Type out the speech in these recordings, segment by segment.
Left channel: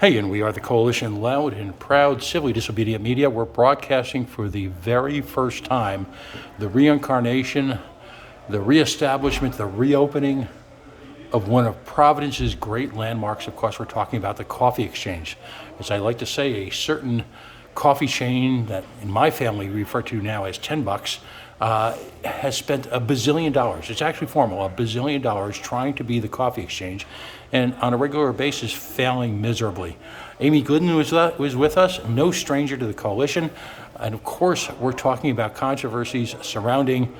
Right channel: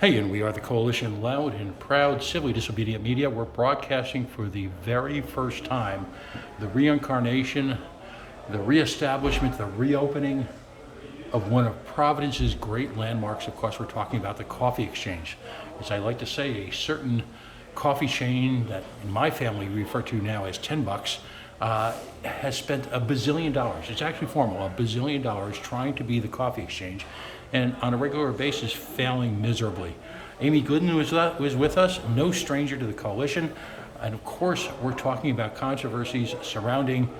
Hey, and we are the Coalition Loud and Proud Civilly Disobedient Media. We're broadcasting for the very first time the reincarnation, the reestablishment, the reopening of one of Providence's great landmarks. Of course, we're talking about the Coffee Exchange. As I like to say, a certain coffee chain that in my family we refer to now as $10, has spent $1 bazillion. It's actually formal, $1 bazillion trying to be the Coffee Exchange, and on a regular basis failing miserably. Amy Glidden was with us, no stranger to the coalition, and of course we're talking about controversies surrounding,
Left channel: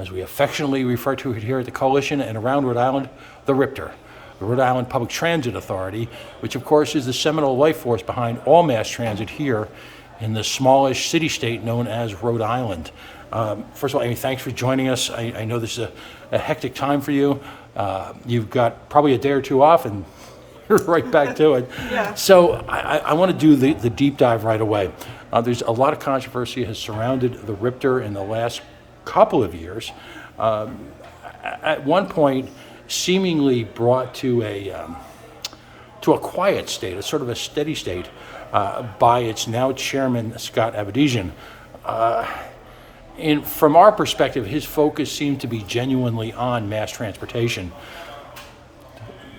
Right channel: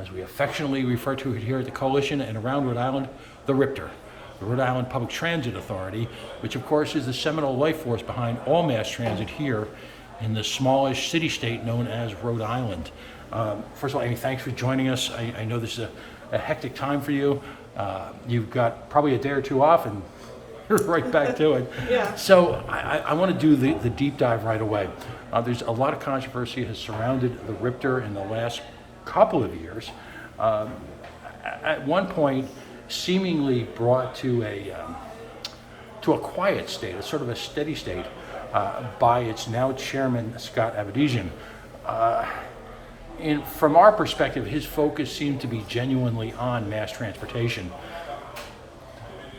as we affectionately refer to it here at the coalition and around Rhode Island, the RIPTA, the Rhode Island Public Transit Authority, which of course is the seminal life force behind all mass transit here in the smallish city-state known as Rhode Island. First of all, Amy, thanks for joining us. I know this is a hectic time for you. You've got probably a day or two off and right back to it. Yeah. So I want to do the deep dive right away. There's a lot of controversy has surrounded the RIPTA in the last couple of years. At one point, seemingly brought to a quiet state, a sort of a steady state, by its now chairman, Scott Avedisian. And from our perspective, his focus seemed to be genuinely on mass transportation.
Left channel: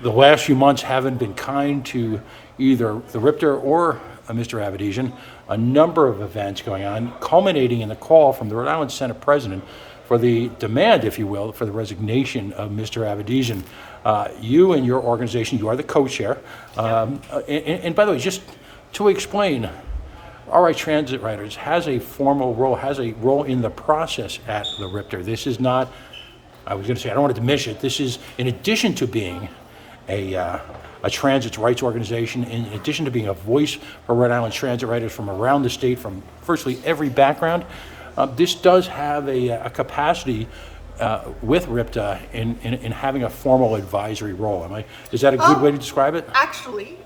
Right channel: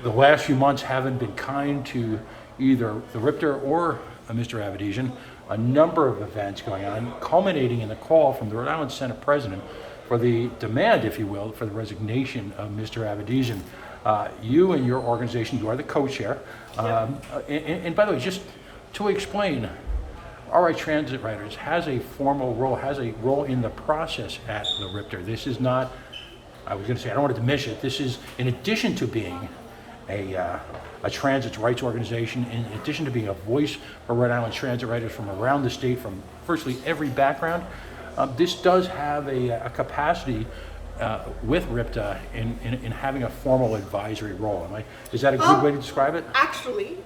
The last few months haven't been kind to either the RIPTA or Mr. Avedisian. A number of events going on, culminating in the call from the Rhode Island Senate President for the demand, if you will, for the resignation of Mr. Avedisian. You and your organization, you are the co-chair. And by the way, just to explain, RI Transit Riders has a formal role, has a role in the process at the RIPTA. This is not, I was going to say, I don't want to diminish it. This is, in addition to being a transit rights organization, in addition to being a voice for Rhode Island transit riders from around the state, from virtually every background, this does have a capacity with RIPTA in having a formal advisory role. Is that a good way to describe it? Actually,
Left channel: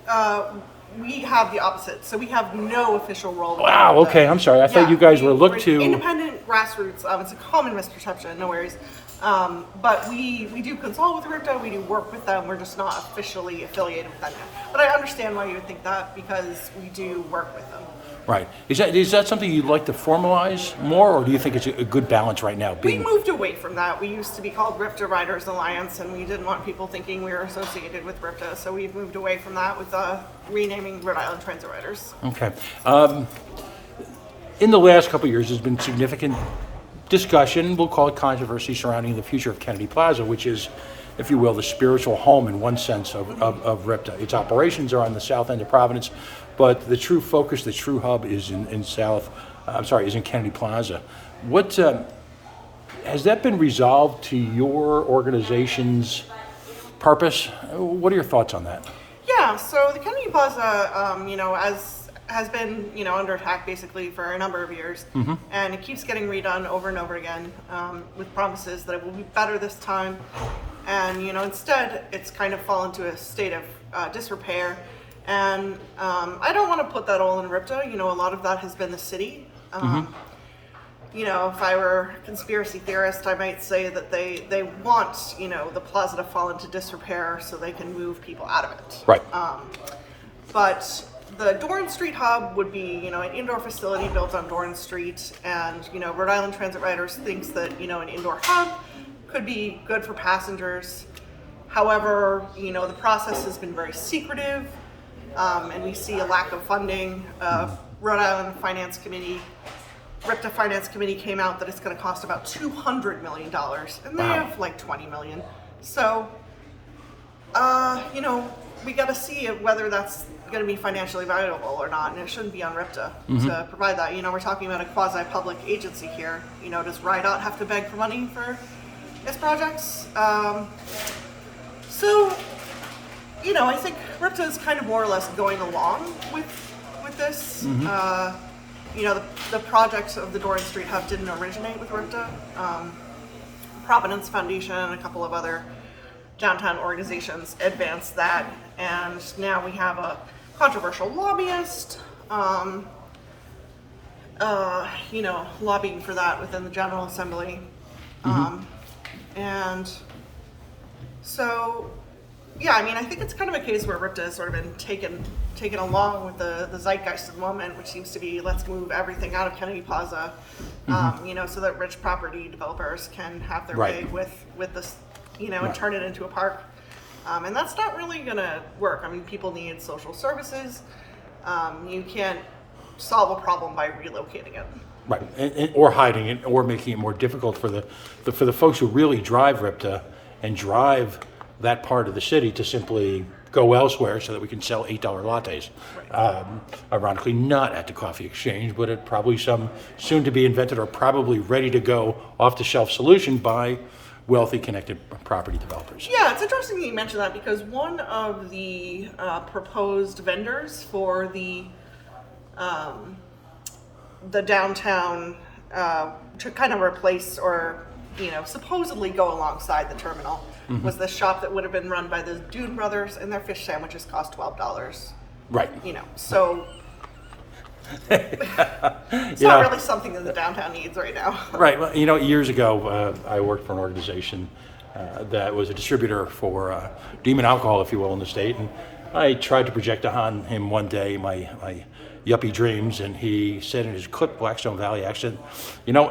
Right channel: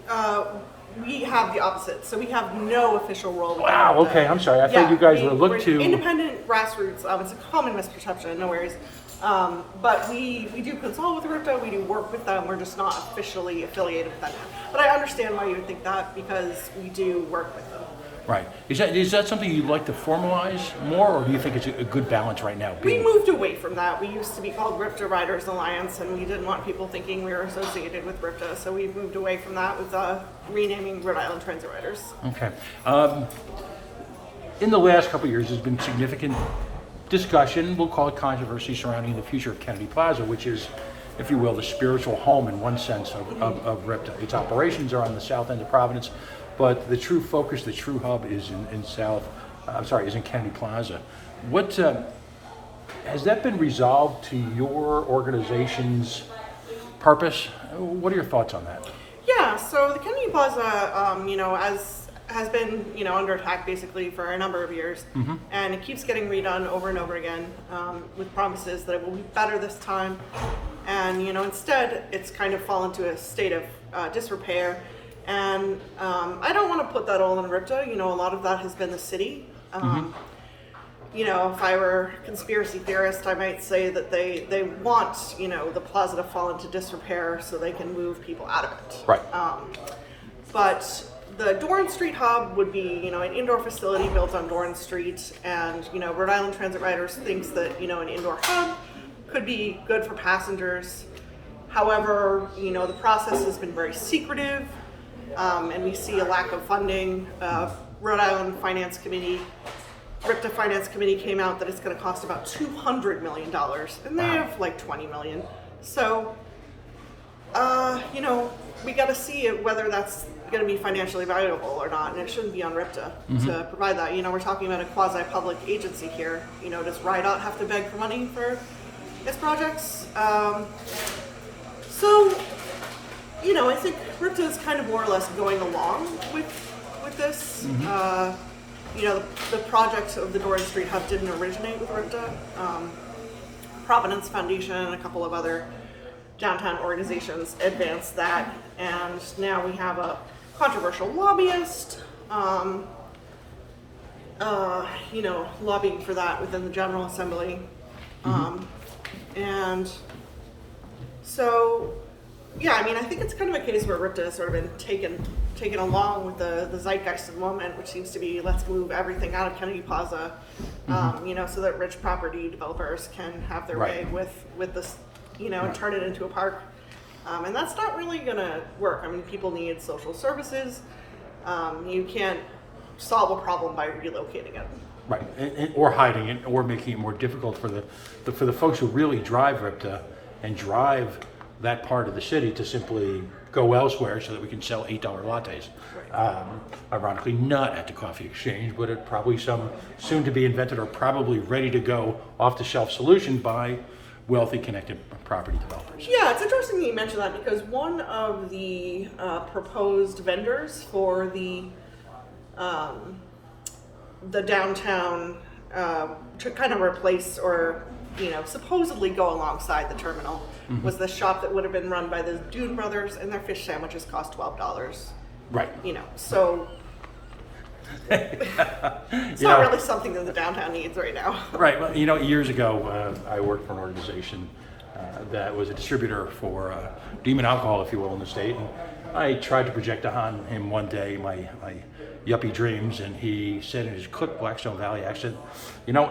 we have the opposite. So we have no official role. Wow, okay, I'm sorry. I thought you guys were looked to... Independent grassroots. It's a common misperception, no worries. But we do consult with RIPTA, we do work with them, we're just not officially affiliated with them yet. But I understand why you would think that, because we do work with them. Right. Is that something you'd like to formalize more, or do you think it's a good balance right now? We moved away from that. We used to be called RIPTA Riders Alliance, and we didn't want people thinking we were associated with RIPTA, so we've moved away from that with renaming Rhode Island Transit Riders. Okay. In the last couple of years, there's been significant discussion, we'll call it controversy, surrounding the future of Kennedy Plaza, which is, if you will, the spiritual home in one sense of RIPTA. Its operations are on the south end of Providence, but the true focus, the true hub is in Kennedy Plaza. What has that been resolved to your organization's purpose? What are your thoughts on that? Yeah, so the Kennedy Plaza, has been, under attack basically for a number of years, and it keeps getting redone over and over again with promises that it will be better this time. And instead, it's kind of fallen to a state of disrepair. And I don't want to put that all in RIPTA. A lot of that has been the city. If I were a conspiracy theorist, I might say that they want, the plaza to fall into disrepair so they can move people out of it. Right. But the Dorn Street hub would be, an indoor facility built on Dorn Street, and, Rhode Island Transit Riders thinks that, an indoor hub could be good for passengers. However, the process has been very secretive, and we see a lack of funding. Rhode Island Finance Committee, RIPTA Finance Committee came out that it's going to cost about $200 million, and they have like $20 million. So, we got to see whether that's going to be financially viable or not, and it shouldn't be on RIPTA to provide that. We're talking about a quasi-public agency here. Does RIDOT have to beg for money for its projects? So, I think RIPTA is kind of more or less going along with this. The project of the Dorn Street Hub didn't originate with RIPTA. Providence Foundation and a couple of other downtown organizations advanced that, and now we have a controversial lobbyist, lobbying for that within the General Assembly. And so Yeah, I mean, I think it's kind of a case where RIPTA has sort of been taken along with the zeitgeist of the moment, which seems to be let's move everything out of Kennedy Plaza, so that rich property developers can have their way with this, and turn it into a park. And that's not really going to work. I mean, people need social services. You can't solve a problem by relocating it. Right, or hiding it, or making it more difficult for the folks who really drive RIPTA and drive that part of the city to simply go elsewhere so that we can sell $8 lattes. Right. Ironically, not at the coffee exchange, but at probably some soon to be invented or probably ready to go off the shelf solution by wealthy connected property developers. Yeah, it's interesting that you mentioned that because one of the proposed vendors for the downtown to kind of replace or supposedly go alongside the terminal was the shop that would have been run by the Dune brothers, and their fish sandwiches cost $12. Right. So it's not really something that the downtown needs right now. Right. Well, years ago, I worked for an organization that was a distributor for demon alcohol, if you will, in the state, and I tried to project on him one day my yuppie dreams, and he said in his clipped Blackstone Valley accent,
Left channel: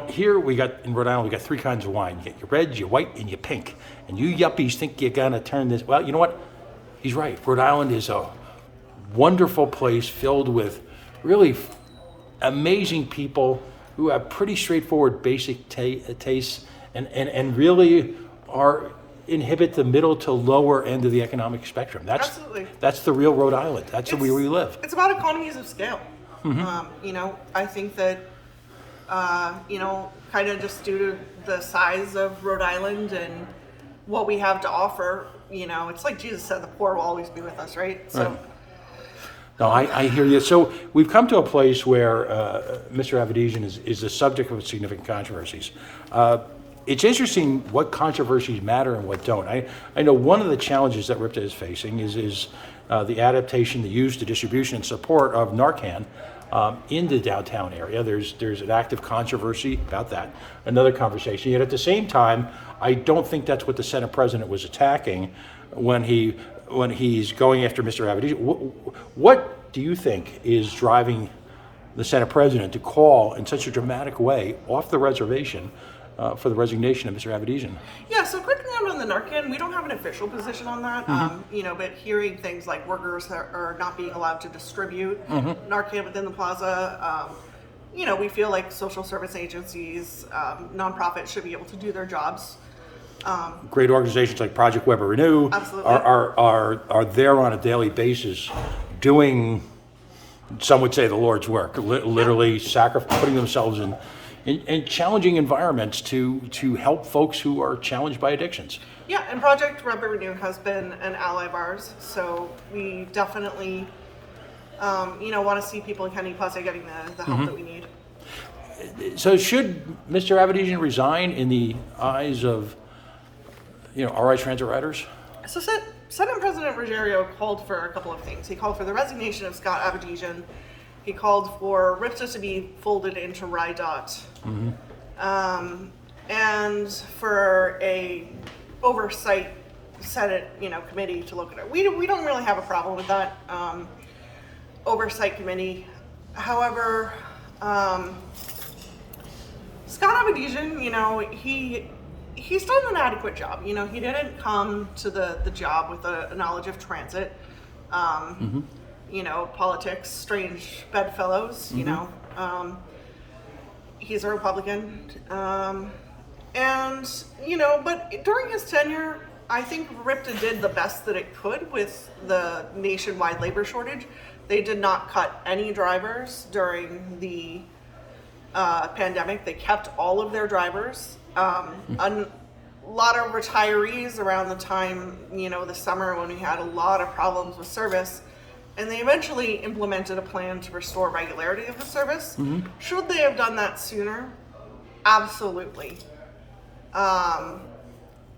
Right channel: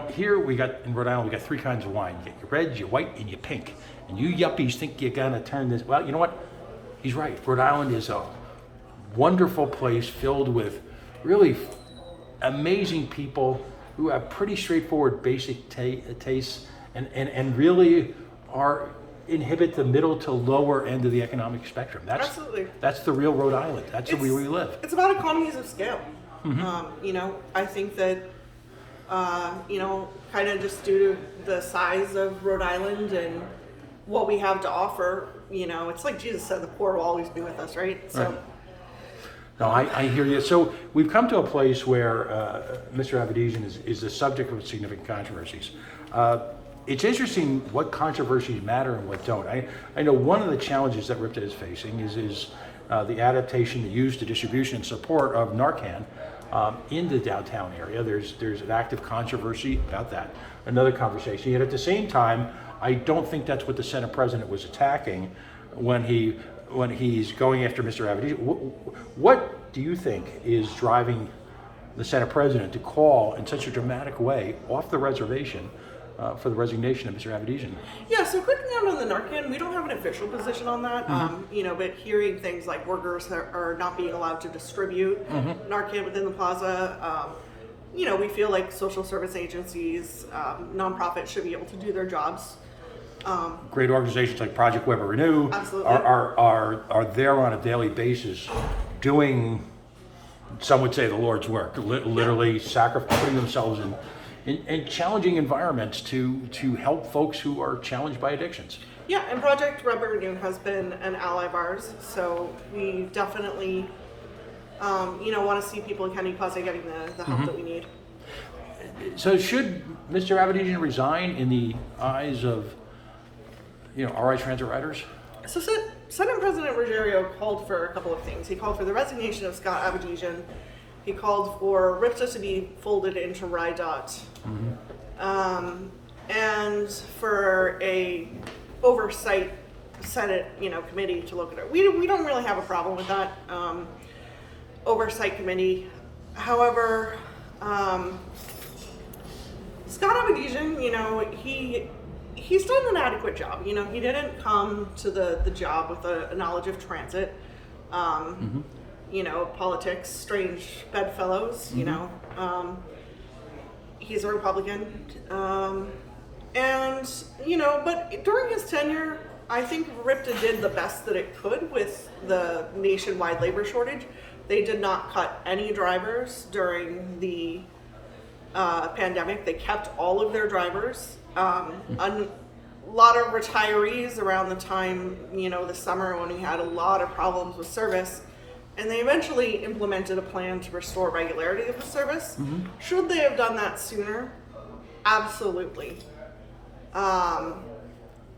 here in Rhode Island, we got three kinds of wine. You get your red, your white, and your pink. And you yuppies think you're going to turn this. Well, you know what? He's right. Rhode Island is a wonderful place filled with really amazing people who have pretty straightforward basic tastes and really inhibit the middle to lower end of the economic spectrum. Absolutely. That's the real Rhode Island. That's where we live. It's about economies of scale. I think that, kind of just due to the size of Rhode Island and what we have to offer, it's like Jesus said, the poor will always be with us, right? So. No, I hear you. So we've come to a place where Mr. Avedisian is the subject of significant controversies. It's interesting what controversies matter and what don't. I know one of the challenges that RIPTA is facing is the adaptation, the use, the distribution, and support of Narcan in the downtown area. There's an active controversy about that. Another conversation. Yet at the same time, I don't think that's what the Senate President was attacking when he's going after Mr. Avedisian. What do you think is driving the Senate President to call in such a dramatic way off the reservation for the resignation of Mr. Avedisian? Yeah, so quick note on the Narcan, we don't have an official position on that, but hearing things like workers are not being allowed to distribute Narcan within the plaza, we feel like social service agencies, nonprofits should be able to do their jobs. Great organizations like Project Weber Renew Absolutely. are there on a daily basis doing, some would say, the Lord's work, literally putting themselves in challenging environments to help folks who are challenged by addictions. Yeah, and Project Weber Renew has been an ally of ours, so we definitely want to see people in Kennedy Plaza getting the help that we need. So should Mr. Avedisian resign in the eyes of RI transit riders? So Senate President Ruggiero called for a couple of things. He called for the resignation of Scott Avedisian. He called for RIPTA to be folded into RIDOT. And for a oversight Senate, committee to look at it. We don't really have a problem with that oversight committee. However, Scott Avedisian, he's done an adequate job. He didn't come to the job with a knowledge of transit. Politics, strange bedfellows, he's a Republican. But during his tenure, I think RIPTA did the best that it could with the nationwide labor shortage. They did not cut any drivers during the pandemic. They kept all of their drivers. A lot of retirees around the time, the summer when we had a lot of problems with service. And they eventually implemented a plan to restore regularity of the service. Should they have done that sooner? Absolutely.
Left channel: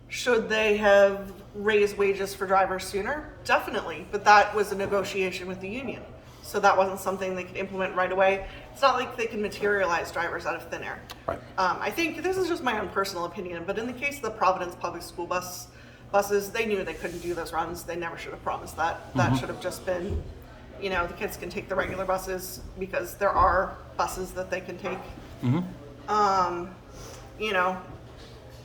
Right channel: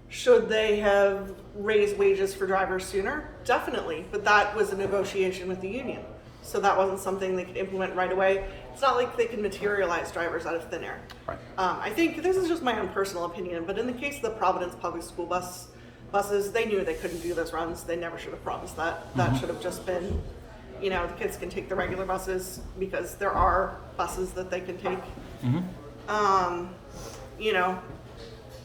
Should they have raised wages for drivers sooner? Definitely. But that was a negotiation with the union. So that wasn't something they could implement right away. It's not like they can materialize drivers out of thin air. Right. I think this is just my own personal opinion, but in the case of the Providence Public School Bus buses, they knew they couldn't do those runs. They never should have promised that. That should have just been, the kids can take the regular buses because there are buses that they can take.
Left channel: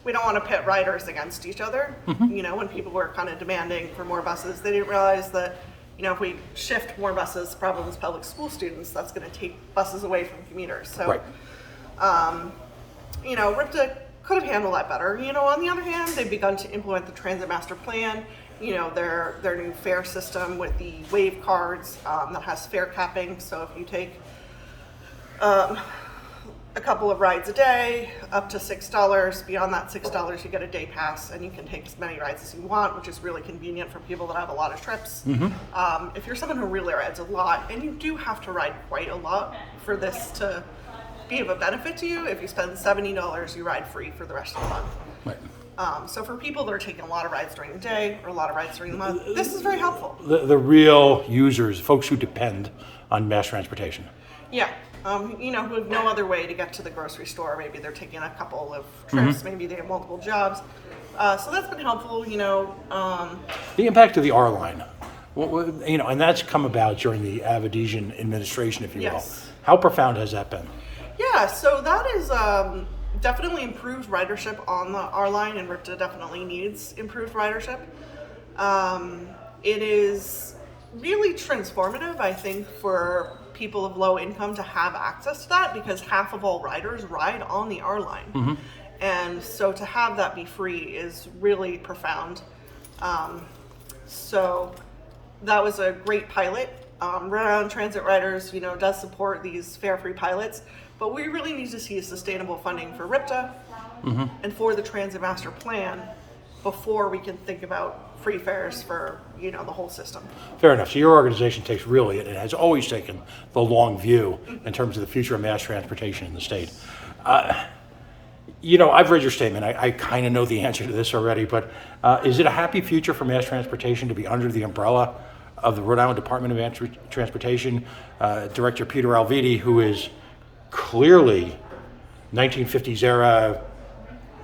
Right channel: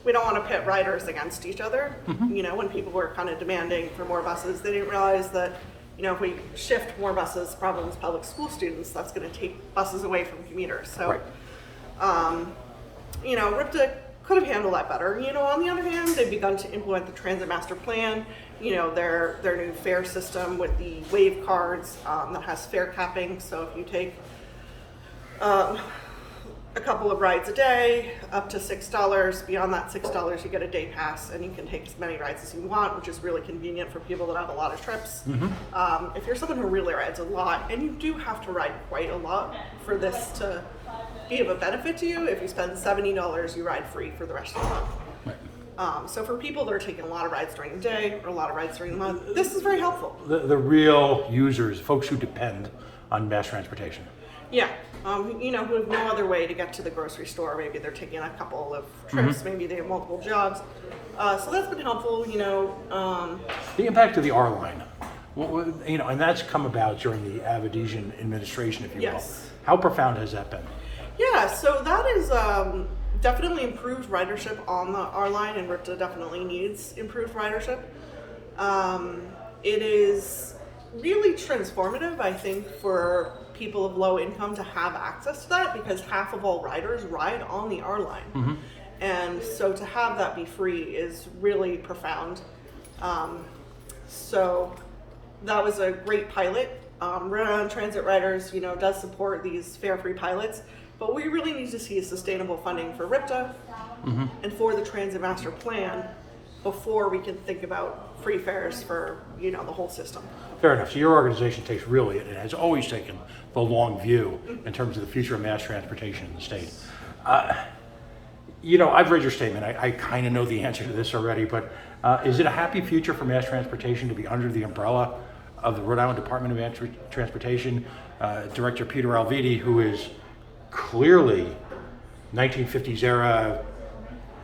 We don't want to pit riders against each other. When people were kind of demanding for more buses, they didn't realize that, if we shift more buses, problems public school students, that's going to take buses away from commuters. So, RIPTA could have handled that better. On the other hand, they've begun to implement the transit master plan, their new fare system with the wave cards that has fare capping. So if you take a couple of rides a day, up to $6. Beyond that $6, you get a day pass, and you can take as many rides as you want, which is really convenient for people that have a lot of trips. If you're someone who really rides a lot, and you do have to ride quite a lot for this to be of a benefit to you, if you spend $70, you ride free for the rest of the month. So for people that are taking a lot of rides during the day or a lot of rides during the month, this is very helpful. The real users, folks who depend on mass transportation. Yeah, who have no other way to get to the grocery store. Maybe they're taking a couple of trips. Maybe they have multiple jobs. So that's been helpful. The impact of the R line, and that's come about during the Avedisian administration, if you will. How profound has that been? Yeah, so that is definitely improved ridership on the R line, and RIPTA definitely needs improved ridership. It is really transformative, I think, for people of low income to have access to that, because half of all riders ride on the R line. And so to have that be free is really profound. So that was a great pilot. Rhode Island Transit Riders, does support these fare-free pilots, but we really need to see sustainable funding for RIPTA and for the Transit Master Plan before we can think about free fares for, the whole system. Fair enough. So your organization takes really, it has always taken the long view in terms of the future of mass transportation in the state. I've read your statement. I kind of know the answer to this already, but is it a happy future for mass transportation to be under the umbrella of the Rhode Island Department of Transportation, Director Peter Alviti, who is clearly 1950s era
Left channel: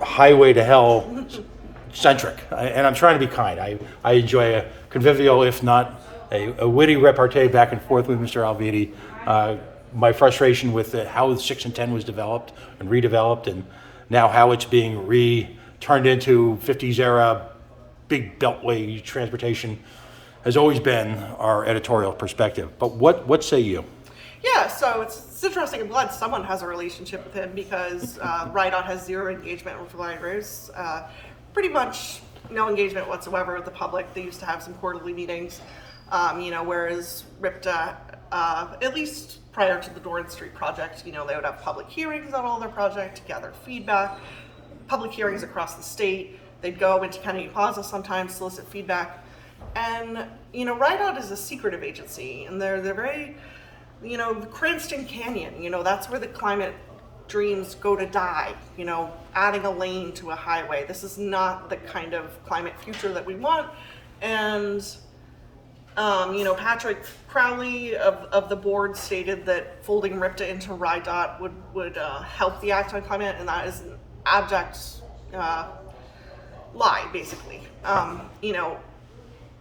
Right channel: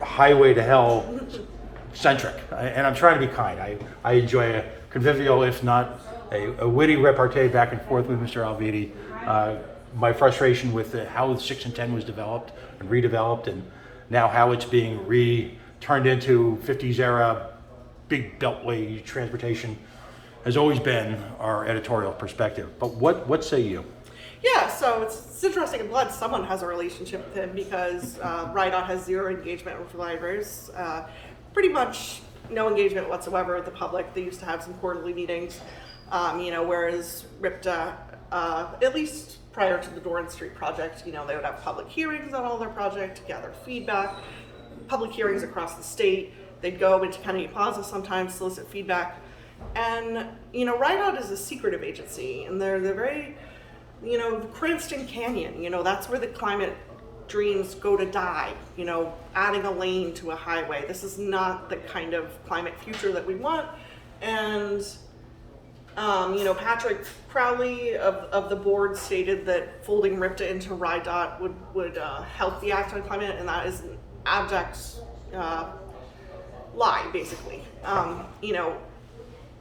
highway to hell centric? And I'm trying to be kind. I enjoy a convivial, if not a witty repartee back and forth with Mr. Alviti. My frustration with how 6 and 10 was developed and redeveloped, and now how it's being turned into 50s era big beltway transportation has always been our editorial perspective. But what say you? Yeah, so it's interesting. I'm glad someone has a relationship with him, because RIDOT has zero engagement with riders. Pretty much no engagement whatsoever with the public. They used to have some quarterly meetings, whereas RIPTA, at least prior to the Dorn Street project, they would have public hearings on all their projects, gather feedback, public hearings across the state. They'd go into Kennedy Plaza sometimes, solicit feedback. And, RIDOT is a secretive agency, and they're very, the Cranston Canyon, that's where the climate dreams go to die, adding a lane to a highway. This is not the kind of climate future that we want. And, Patrick Crowley of the board stated that folding RIPTA into RIDOT would help the Act on Climate, and that is an abject lie, basically.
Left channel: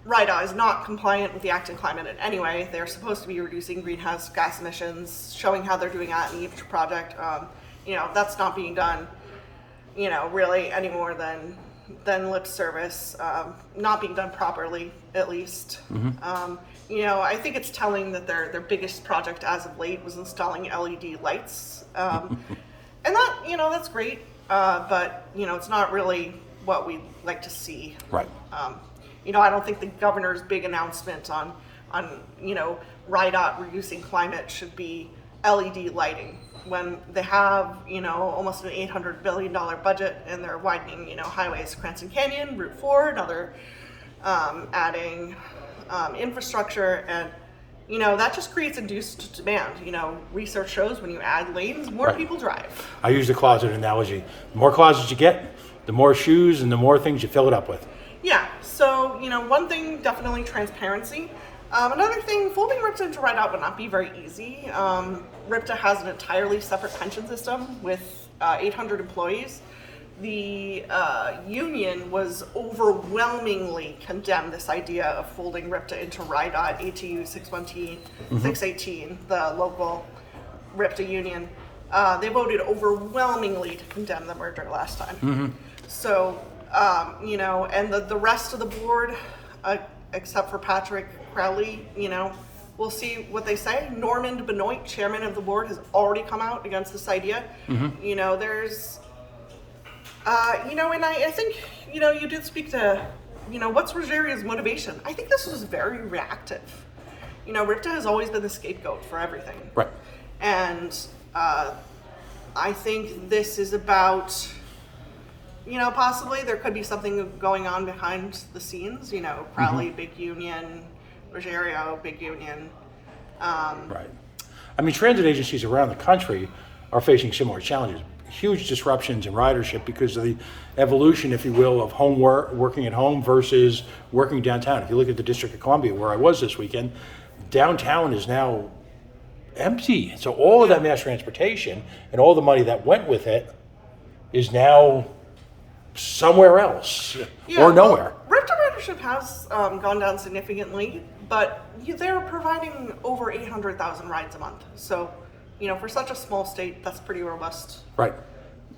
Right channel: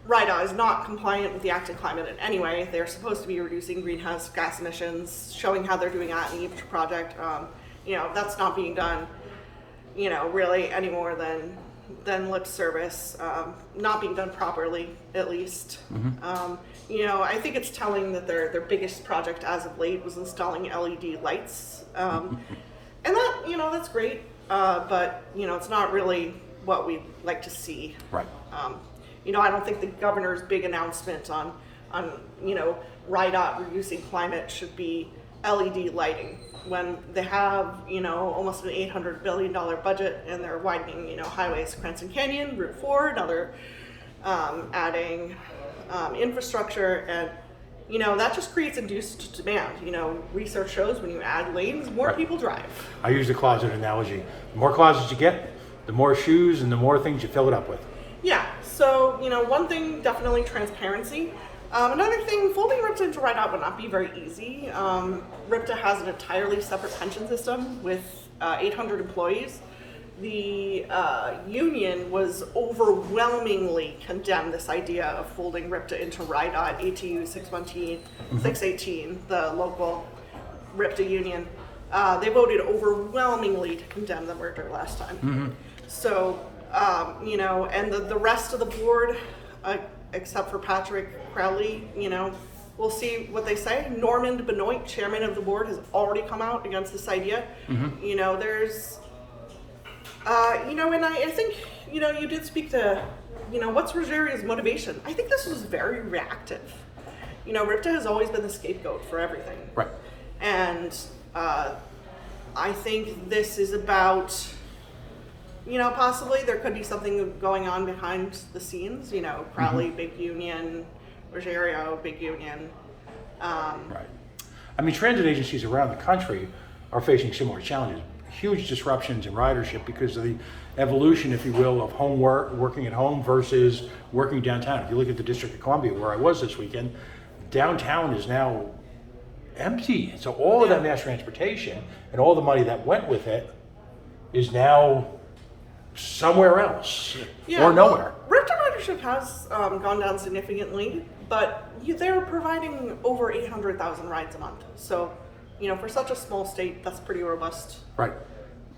RIDOT is not compliant with the Act on Climate in any way. They're supposed to be reducing greenhouse gas emissions, showing how they're doing that in the Outrage project. That's not being done, really any more than lip service, not being done properly, at least. I think it's telling that their biggest project as of late was installing LED lights. And that, that's great, but, it's not really what we'd like to see. Right. I don't think the governor's big announcement on RIDOT reducing climate should be LED lighting, when they have, almost an $800 billion budget, and they're widening, highways, Cranston Canyon, Route 4, another, adding infrastructure, and, that just creates induced demand. Research shows when you add lanes, more people drive. I use the closet analogy. The more closets you get, the more shoes and the more things you fill it up with. Yeah, so, one thing, definitely transparency. Another thing, folding RIPTA into RIDOT would not be very easy. RIPTA has an entirely separate pension system with 800 employees. the union was overwhelmingly condemned this idea of folding RIPTA into RIDOT, ATU 618, the local RIPTA union. They voted overwhelmingly to condemn the merger last time. So, and the rest of the board, except for Patrick Crowley, we'll see what they say. Normand Benoit, chairman of the board, has already come out against this idea. There's, and I think, you did speak to, what's Rogerio's motivation? I think this was very reactive. RIPTA has always been the scapegoat for everything. Right. And I think this is about, possibly there could be something going on behind the scenes. Crowley, big union, Ruggiero, big union. Right. I mean, transit agencies around the country are facing similar challenges. Huge disruptions in ridership because of the evolution, if you will, of home work, working at home versus working downtown. If you look at the District of Columbia, where I was this weekend, downtown is now empty. So all of that mass transportation and all the money that went with it is now somewhere else or nowhere. Well, RIPTA ridership has gone down significantly, but they're providing over 800,000 rides a month. So, for such a small state, that's pretty robust. Right.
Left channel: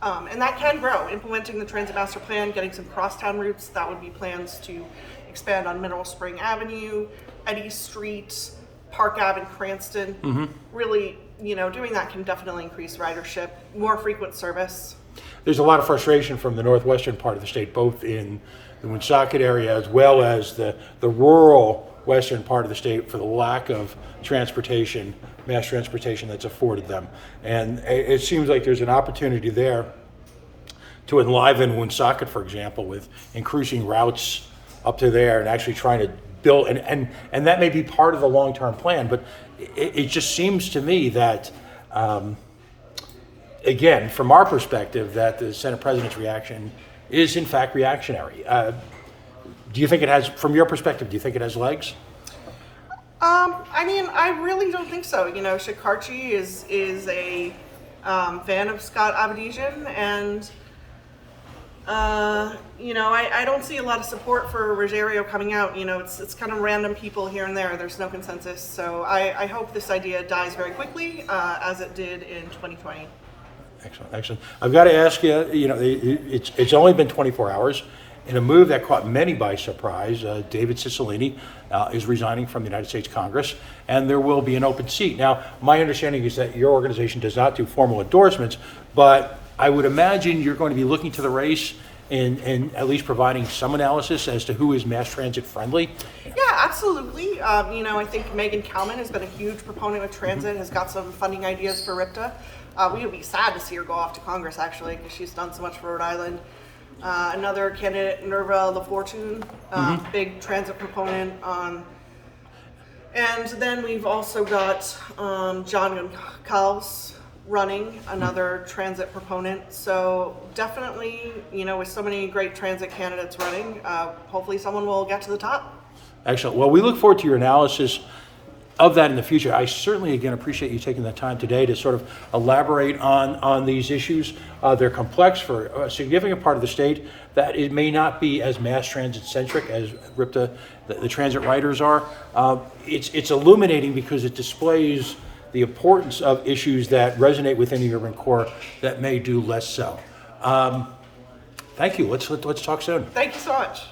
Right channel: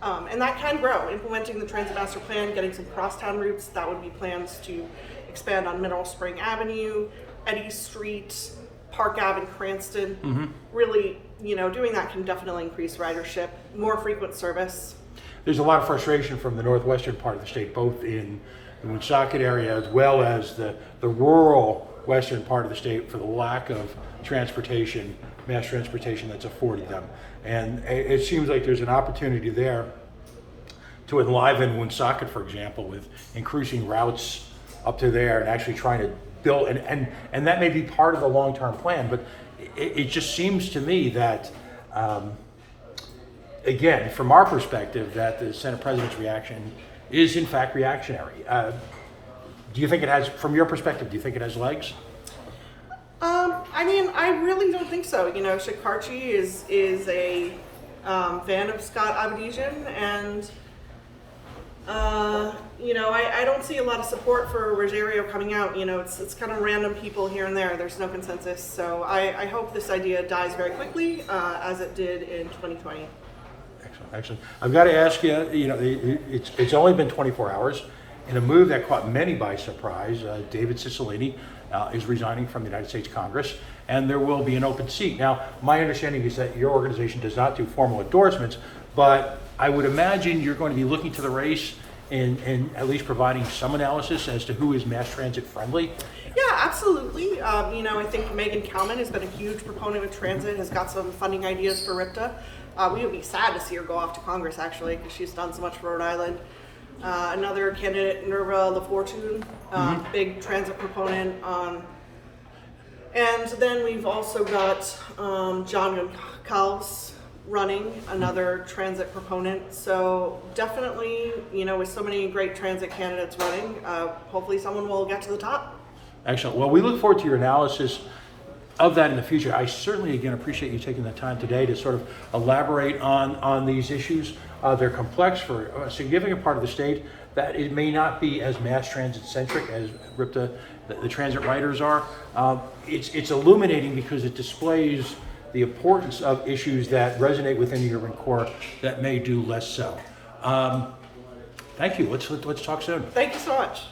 And that can grow. Implementing the transit master plan, getting some crosstown routes, that would be plans to expand on Mineral Spring Avenue, Eddy Street, Park Ave in Cranston. Really, doing that can definitely increase ridership, more frequent service. There's a lot of frustration from the northwestern part of the state, both in the Woonsocket area as well as the rural western part of the state, for the lack of transportation, mass transportation that's afforded them. And it seems like there's an opportunity there to enliven Woonsocket, for example, with increasing routes up to there and actually trying to build, and that may be part of the long-term plan, but it just seems to me that, again, from our perspective, that the Senate President's reaction is in fact reactionary. Do you think it has, from your perspective, do you think it has legs? I really don't think so. Shikarchi is a fan of Scott Avedisian, and I don't see a lot of support for Ruggiero coming out. It's kind of random people here and there. There's no consensus. So I hope this idea dies very quickly, as it did in 2020. Excellent. I've got to ask you, it's only been 24 hours. In a move that caught many by surprise, David Cicilline is resigning from the United States Congress, and there will be an open seat. Now, my understanding is that your organization does not do formal endorsements, but I would imagine you're going to be looking to the race and at least providing some analysis as to who is mass transit friendly. Yeah, absolutely. I think Megan Kalman has been a huge proponent of transit, has got some funding ideas for RIPTA. We would be sad to see her go off to Congress, actually, because she's done so much for Rhode Island. Another candidate, Nerva LaFortune, big transit proponent. And then we've also got John Goncalves running, another transit proponent. So definitely, with so many great transit candidates running, hopefully someone will get to the top. Excellent. Well, we look forward to your analysis of that in the future. I certainly, again, appreciate you taking the time today to sort of elaborate on these issues. They're complex for a significant part of the state that it may not be as mass transit centric as RIPTA, the transit riders are. It's illuminating because it displays the importance of issues that resonate within the urban core that may do less so. Thank you. Let's talk soon. Thank you so much.